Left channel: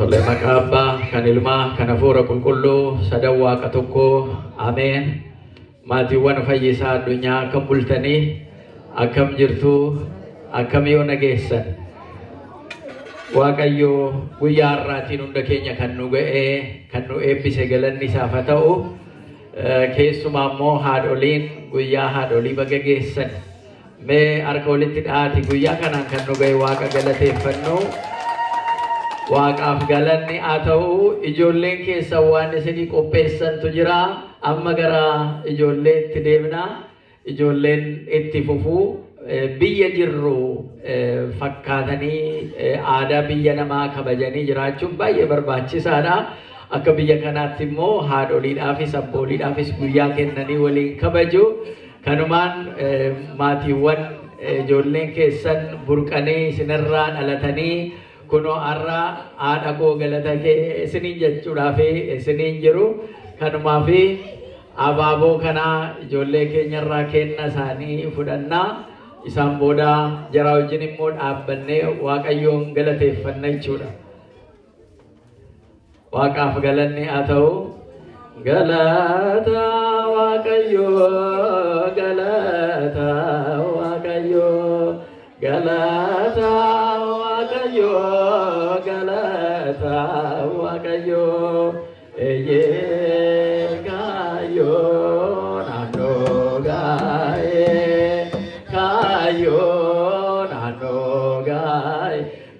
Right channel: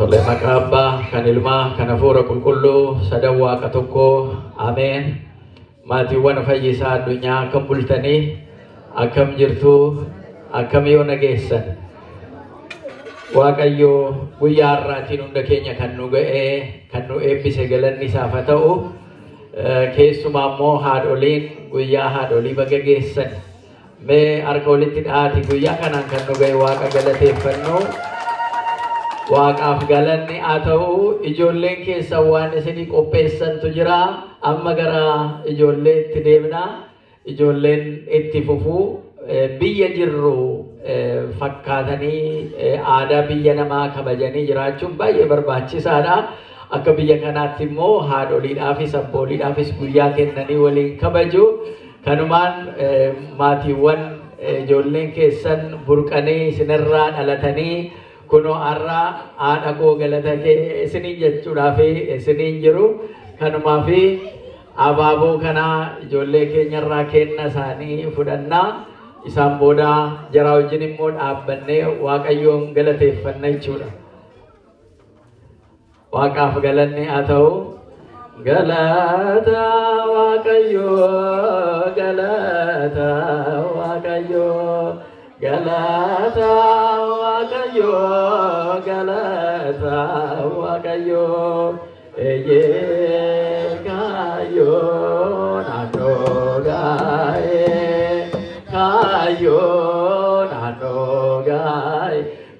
Tole makaba kanilma kanafura kulkullu sadawa katoko amen matiwan fayyisa addunyaa akkam bultanii akkam jirtu akkam yoo nageessan waaqayyo guyyaa har'aatiin hunda keenya kan nu ga'ee kan nu eebbise galanni isaaf haa ta'u keessumaa immoo haadholiin guyyaa haadholii baga geessan mee harka walitti dhaati guyyaa kanaan kan nu ga'e waaqa galateeffannu waaqaaf galanni haa ta'u ijoolleen keessa waan isinii qopheessantu jira amma gara ijoolleetti deemna ijoolleen itti fufuu biyya jirru fakkaatanii aadaa biyya namaa kabajanii jiraachuun baay'ee barbaachisaadha akka biyya kanaatti immoo haadholiidhaafis abbooliidhaafis guyyaa kennanii waliin kabaju kanumaan maatiiwwan ijoolleen keessan burqanii isinirraa dhalatanii kuno arra aada ko galata ke isini jechuudha fi isini jiru kanuma fi abaaboo kana ijoollee keenyarraa kenna isaanii fudhanna isaan booda jara wajjin immoo dhaabbannee waaqayyoon galateeffanna jechuudha waaqaaf galanni haa ta'u galata waaqayyoo galata waaqayyoo galata waaqayyo galata waaqayyo eye kayo nano gae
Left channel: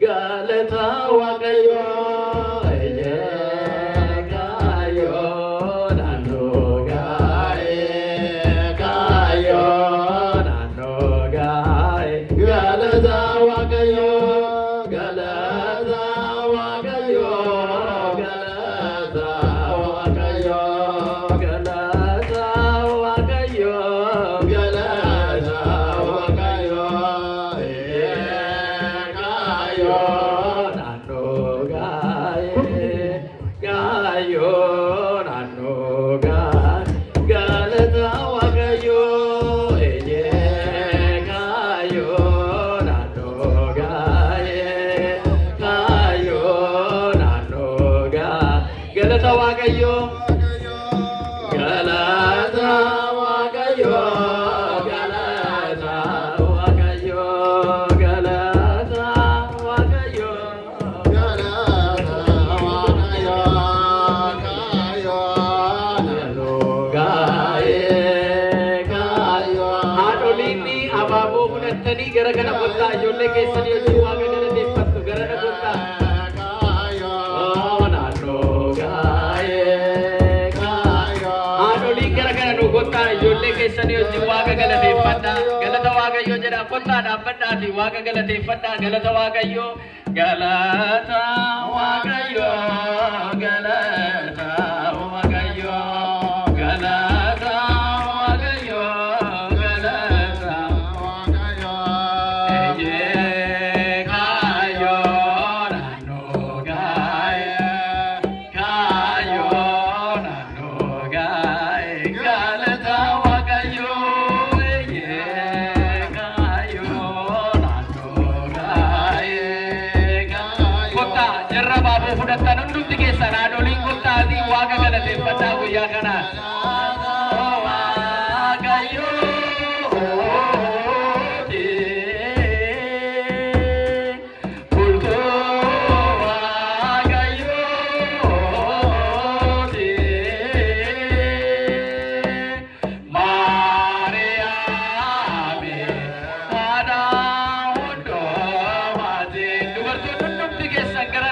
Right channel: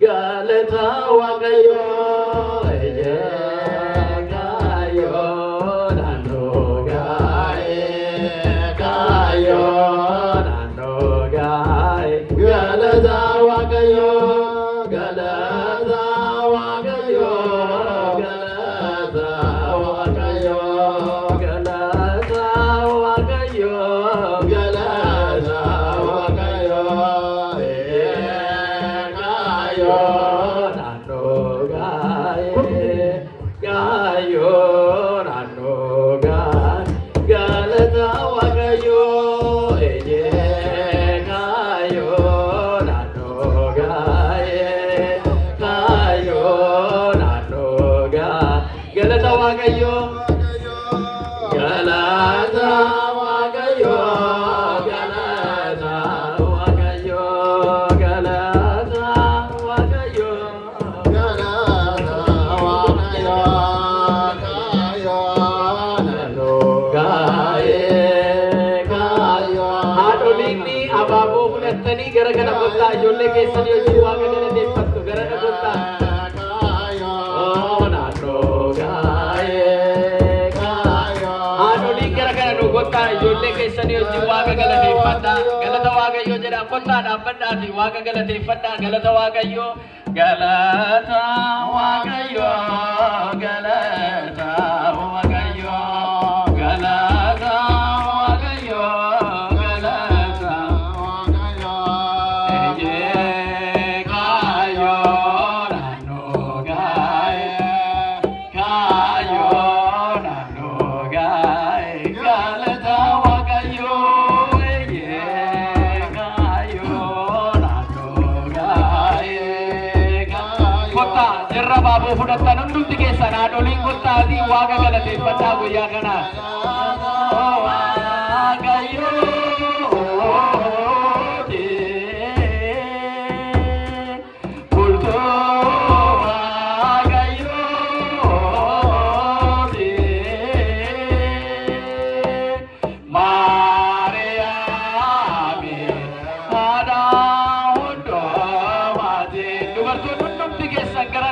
galata waaqayyo eye kayo nano gae kayo nano gae galata waaqayyo galata waaqayyo galata waaqayyo galata waaqayyo galata waaqayyo kayo nano gae galata waaqayyo gara kana gotta ijoollee keessanii hojii waaqa galateeffattu gara na gotta haadholii gara kana nu gotta ijoollee keessanii hojii waaqa galateeffadha galata waaqayyoo jedha gotta dhaabbadhaati waaqa galateeffadha galata waaqayyoo galata waaqayyoo galata fudhatan hundumti keessan haadholiin gottaati waaqa galateeffadhaa guyyaa kana Gara